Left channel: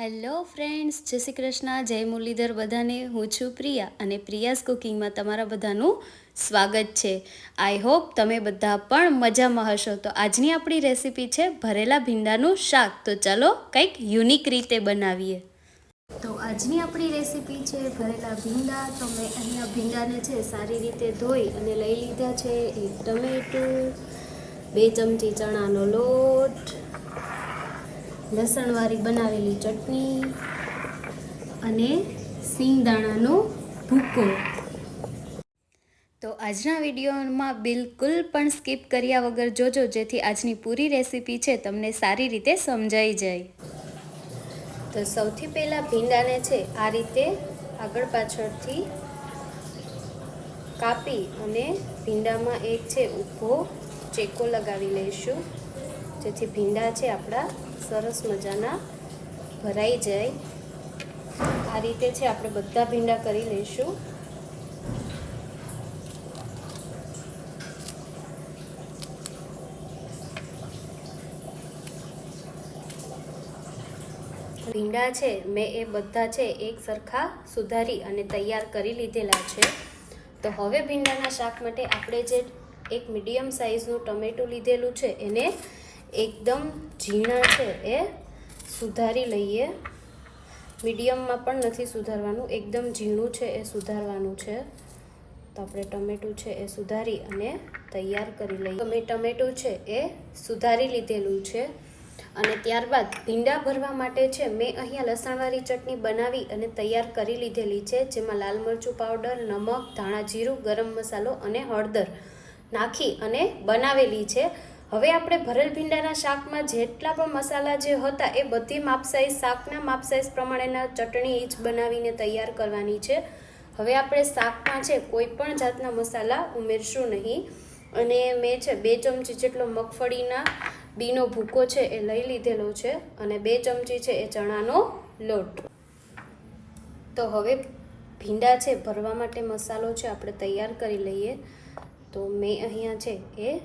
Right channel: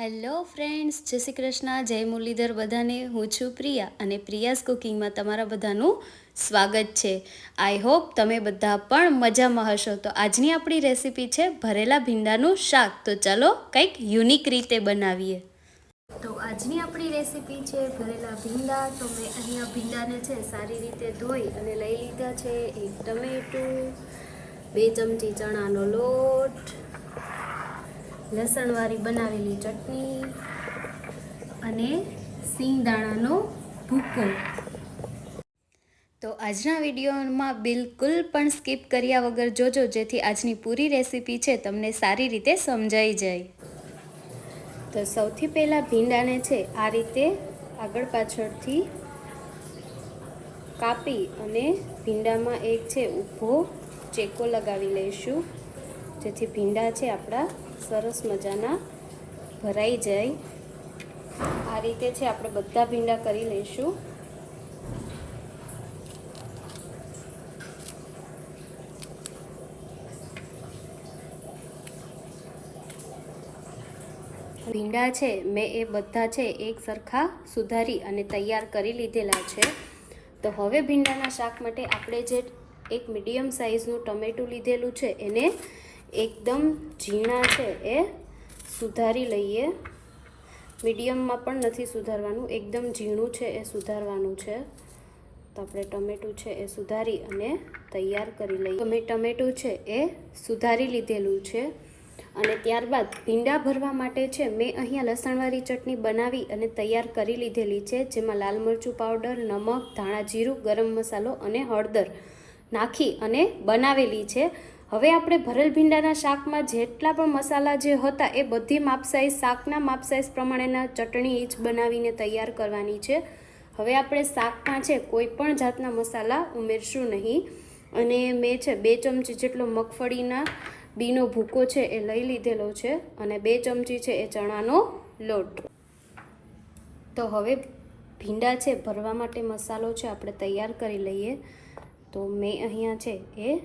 Hello friends, જય શ્રી કૃષ્ણ, જય મુરલીધર બધાને. હું છું પ્રિયા અને પ્રિયાસ કુકિંગમાં તમારા બધાનું સ્વાગત છે. આઈ હોપ તમે બધા પણ મજામાં હશો. તો આજની આપણી રેસીપી છે ભરેલા ભીંડાનું શાક. તો ચાલો કંઈક યુનિક રીતે બનાવીએ. તો આજની આપણી રેસીપી છે ભરેલા ભીંડા. તો મેં અહીંયા ભીંડાને છે સારી રીતે ધોઈ અને લઈ લીધા છે એક ટમેટું, બે ચમચી ચણાનો લોટ લસણવાળી બનાવેલી ચટણી અને સિંગદાણાનો ભૂકો. તો આજના વિડીયોમાં બિલકુલ પણ સ્કીપ કર્યા વગર જોજો, જેથી આજની પૂરી રેસીપી છે તમને સારી રીતે સમજાઈ જાય. તો સૌથી પહેલાં ભીંડાને છે, આ રીતે આગળ પાછળથી કાપી અને ભીંડામાં એક છે ઊભો ચેકો લગાવી લઈશું. જેથી ભીંડા છે આપણા સરસ મજાના ભરાઈ જાય. આ રીતે છે આપણે બધા ભીંડા કરી લઈશું. ભીંડા છે, મેં એ બધા છે એક સરખા સુધારી અને તૈયાર કરી લીધેલા છે. તો હવે ભીંડાના શાક માટે આપણે જે એક મીડિયમ સાઇઝનું ટમેટું લીધેલું છે, એને એકદમ ઝીણા છે એ. સુધારી લઈએ. મીડિયમમાં પણ નથી સુધારવાનું. એકદમ ઝીણું છે એ સુધારવાનું છે. તો આપણે ટમેટું છે એ સુધારી અને તૈયાર કરી લઈએ. મેં ટમેટું છે એ સુધારી લીધેલું છે. અને ત્યારબાદ ભીંડા ભરવા માટે છે, મેં અહીંયા લસણવાળી ચટણી બનાવી અને તૈયાર કરી લીધેલી છે, જેમાં લાલ મરચું પાવડર, નમક, ધાણા જીરું, ગરમ મસાલો અને હળદર નાખી અને બનાવેલી છે. હવે આપણે ભરેલ ભીંડાના શાકમાં જેટલા પણ મસાલા જે હતા એ બધી માપ સાઈઝ શાકના માપ સાઈઝ પ્રમાણેના ચટણી જ બનાવીને તૈયાર કરવાની છે. હવે આપણે શાકમાં છે કોઈ પણ જાતના મસાલા ઉમેરશું નહીં. અને મેં છે બે ચમચી જેટલો મગફળીના બીનો ભૂકો છે એ લઈ લીધેલો છે અને બે ચમચી છે એ ચણાનો લોટ. તો હવે ભીંડા છે ભરવા માટે મસાલો છે આપણે તૈયાર કરી લઈએ. તો મેં અહીંયા છે એ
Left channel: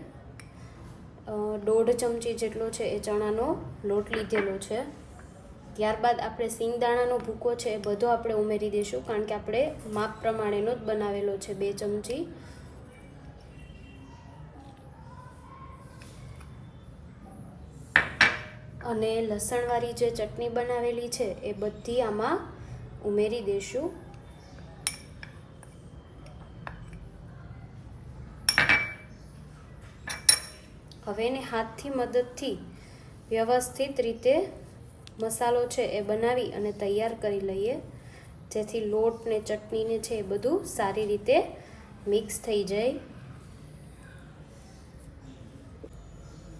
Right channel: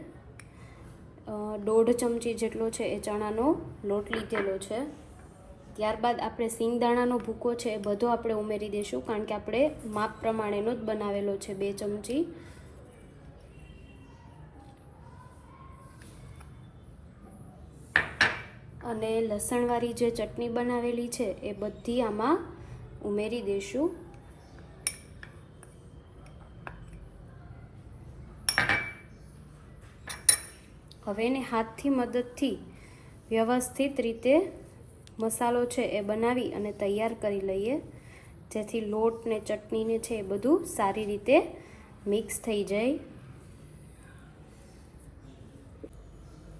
દોઢ ચમચી જેટલો છે એ ચણાનો લોટ લીધેલો છે. ત્યારબાદ આપણે સિંગદાણાનો ભૂકો છે એ બધો આપણે ઉમેરી દઈશું કારણ કે આપણે માપ પ્રમાણેનો જ બનાવેલો છે બે ચમચી. અને લસણવાળી જે ચટણી બનાવેલી છે એ બધી આમાં ઉમેરી દઈશું હવે એને હાથથી મદદથી વ્યવસ્થિત રીતે મસાલો છે એ બનાવી અને તૈયાર કરી લઈએ. જેથી લોટ ને ચટણીને છે એ બધું સારી રીતે મિક્સ થઈ જાય.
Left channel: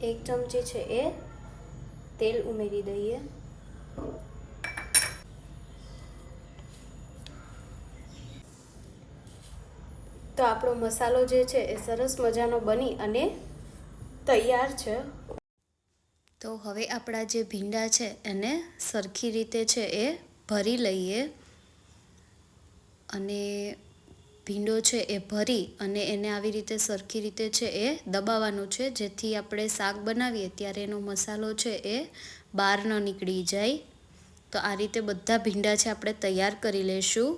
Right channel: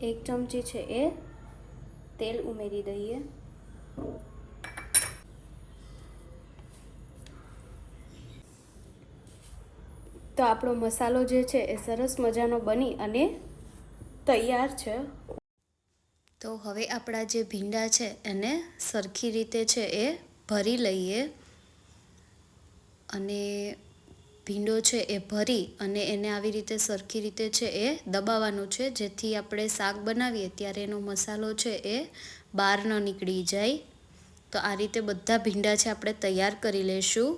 એક ચમચી છે એ તેલ ઉમેરી દઈએ. તો આપણો મસાલો જે છે એ સરસ મજાનો બની અને તૈયાર છે. તો હવે આપણા જે ભીંડા છે, એને સરખી રીતે છે એ ભરી લઈએ. અને ભીંડો છે એ ભરી અને એને આવી રીતે સરખી રીતે છે એ દબાવવાનું છે, જેથી આપણે શાક બનાવીએ ત્યારે એનો મસાલો છે એ બહાર ન નીકળી જાય. તો આ રીતે બધા ભીંડા છે આપણે તૈયાર કરી લઈશું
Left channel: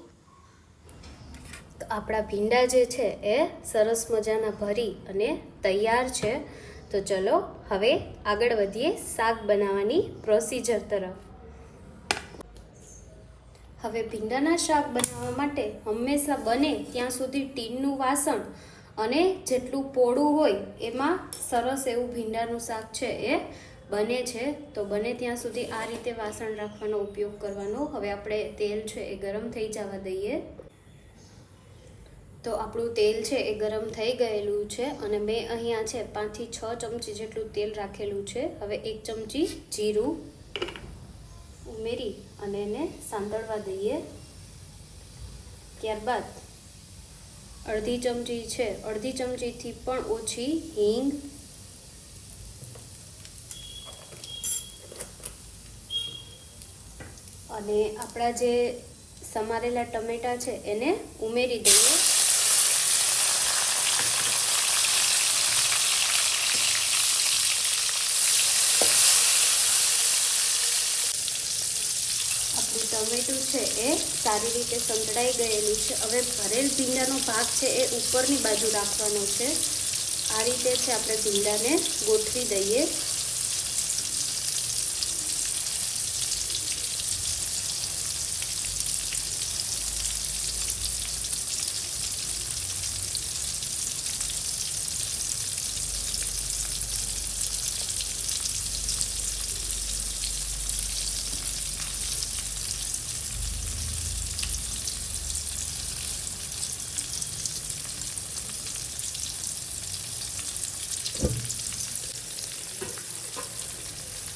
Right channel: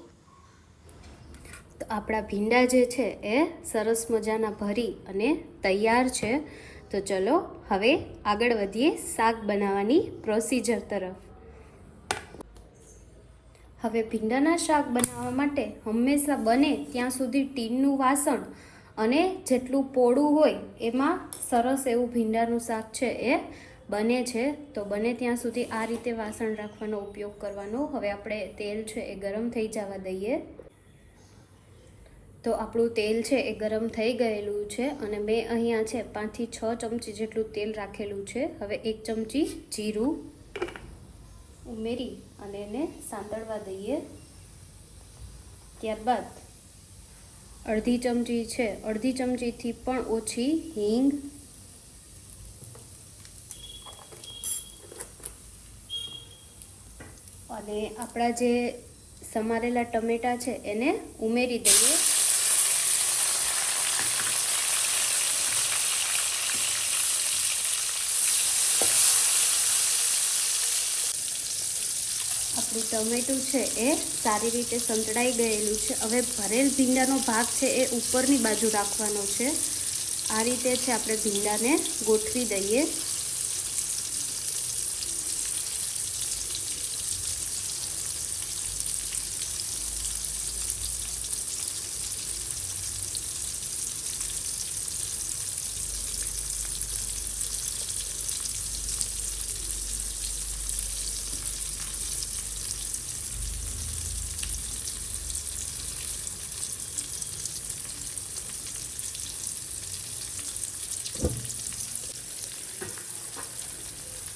તો આપણા ભીંડા જે છે એ સરસ મજાના ભરી અને તૈયાર છે. તો ચલો હવે આગળ વધીએ શાક બનાવવાની પ્રોસીજર તરફ. હવે ભીંડાના શાક બનાવવા માટે હંમેશા બને ત્યાં સુધી ટીનનું વાસણ અને જેટલું પોળું હોય એમાં સરસ એવું ભીંડાનું શાક છે એ બને છે. તો બને ત્યાં સુધી આ રીતે વાસણ રાખવાનો ઉપયોગ કરવાનો. હવે આપણે તેલ છે એ ગરમ થઈ જવા દઈએ. તો આપણું તેલ છે એ ગરમ થઈ ગયેલું છે અને મેં અહીંયા છે પાંચથી છ ચમચી જેટલું તેલ રાખેલું છે. હવે એક ચમચી જીરું ઉમેરી અને એને સાંતળવા દઈએ. ત્યારબાદ અડધી ચમચી છે, અડધી ચમચીથી પણ ઓછી હિંગ અને આપણા જે સમારેલા ટમેટા છે એને ઉમેરી દઈએ આપણું ટમેટું છે એ સારી રીતે સંતળાઈ ગયેલું છે. હવે ભરેલ ભીંડાનો ભાગ છે એ ઉપરની બાજુ રાખવાનો છે. આ રીતે છે આપણે ભીંડાને ગોઠવી દઈએ.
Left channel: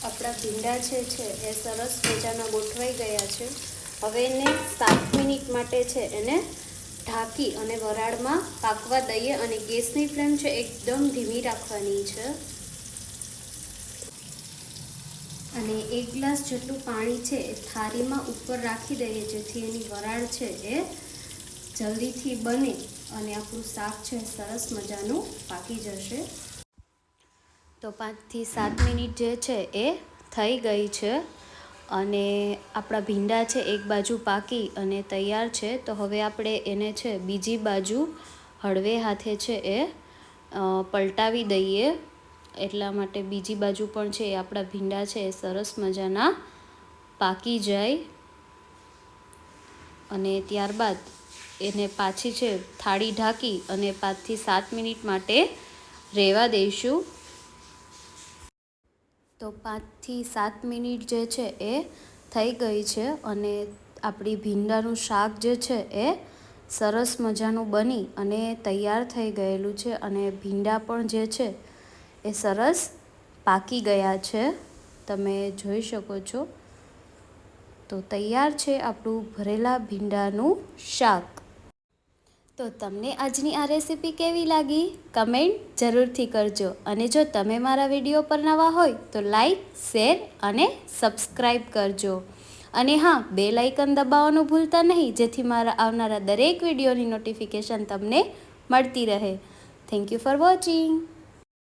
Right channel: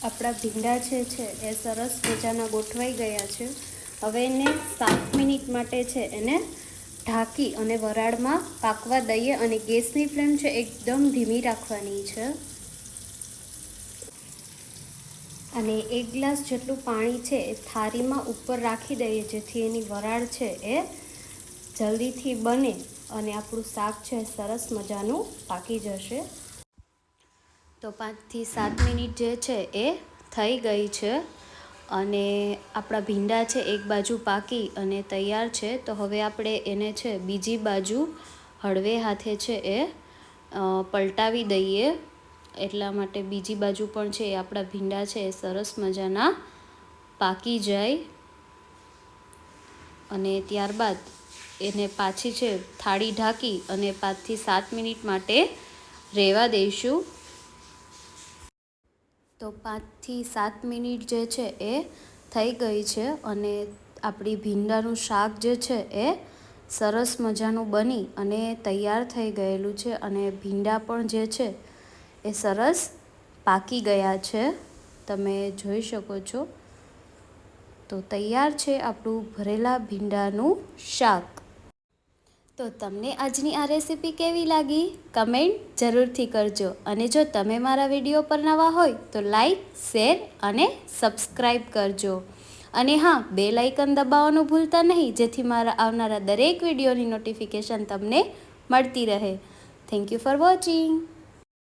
આપણા ભીંડા છે છે, એ સરસ મજાના ગોઠવાઈ ગયા છે. હવે એને સાત મિનિટ માટે છે, એને ઢાંકી અને વરાળમાં પાકવા દઈએ અને ગેસની ફ્લેમ છે, એકદમ ધીમી રાખવાની છે. અને એક ગ્લાસ જેટલું પાણી છે, એ થાળીમાં ઉપર રાખી દઈએ, જેથી એની વરાળ છે, એ જલ્દીથી બને અને આપણું શાક છે સરસ મજાનું પાકી જશે. તો પાંચથી સાત મિનિટ જે છે એ થઈ ગઈ છે અને આપણા ભીંડા છે એક બાજુ પાકી અને તૈયાર છે, તો હવે આપણે એને છે બીજી બાજુ હળવે હાથે છે એ પલટાવી દઈએ. એટલા માટે બીજી બાજુ પણ છે એ આપણા ભીંડા છે એ સરસ મજાના પાકી જાય. અને ત્યારબાદ એને પાછી છે થાળી ઢાંકી અને પાંચથી સાત મિનિટ માટે રહેવા દઈશું. તો પાંચથી સાત મિનિટ જે છે એ થઈ ગઈ છે અને આપણી ભીંડાનું શાક જે છે એ સરસ મજાનું બની અને તૈયાર થઈ ગયેલું છે અને ભીંડા પણ જે છે એ સરસ પાકી ગયા છે. તમે જોઈ શકો છો. તો તૈયાર છે આપણું ભરેલા ભીંડાનું શાક. તો તમને આજની આ રેસીપી કેવી લાગી? કમેન્ટ જરૂરથી કરજો. અને જો તમે મારા વીડિયો પર નવા હોય, તો લાઈક, શેર અને સબસ્ક્રાઈબ કરજો. અને હા, બે લાઇકન દબાવવાનું ભૂલતા નહીં, જેથી મારા આવનારા દરેક વિડીયોની નોટિફિકેશન તમને મળતી રહે. Thank you for watching.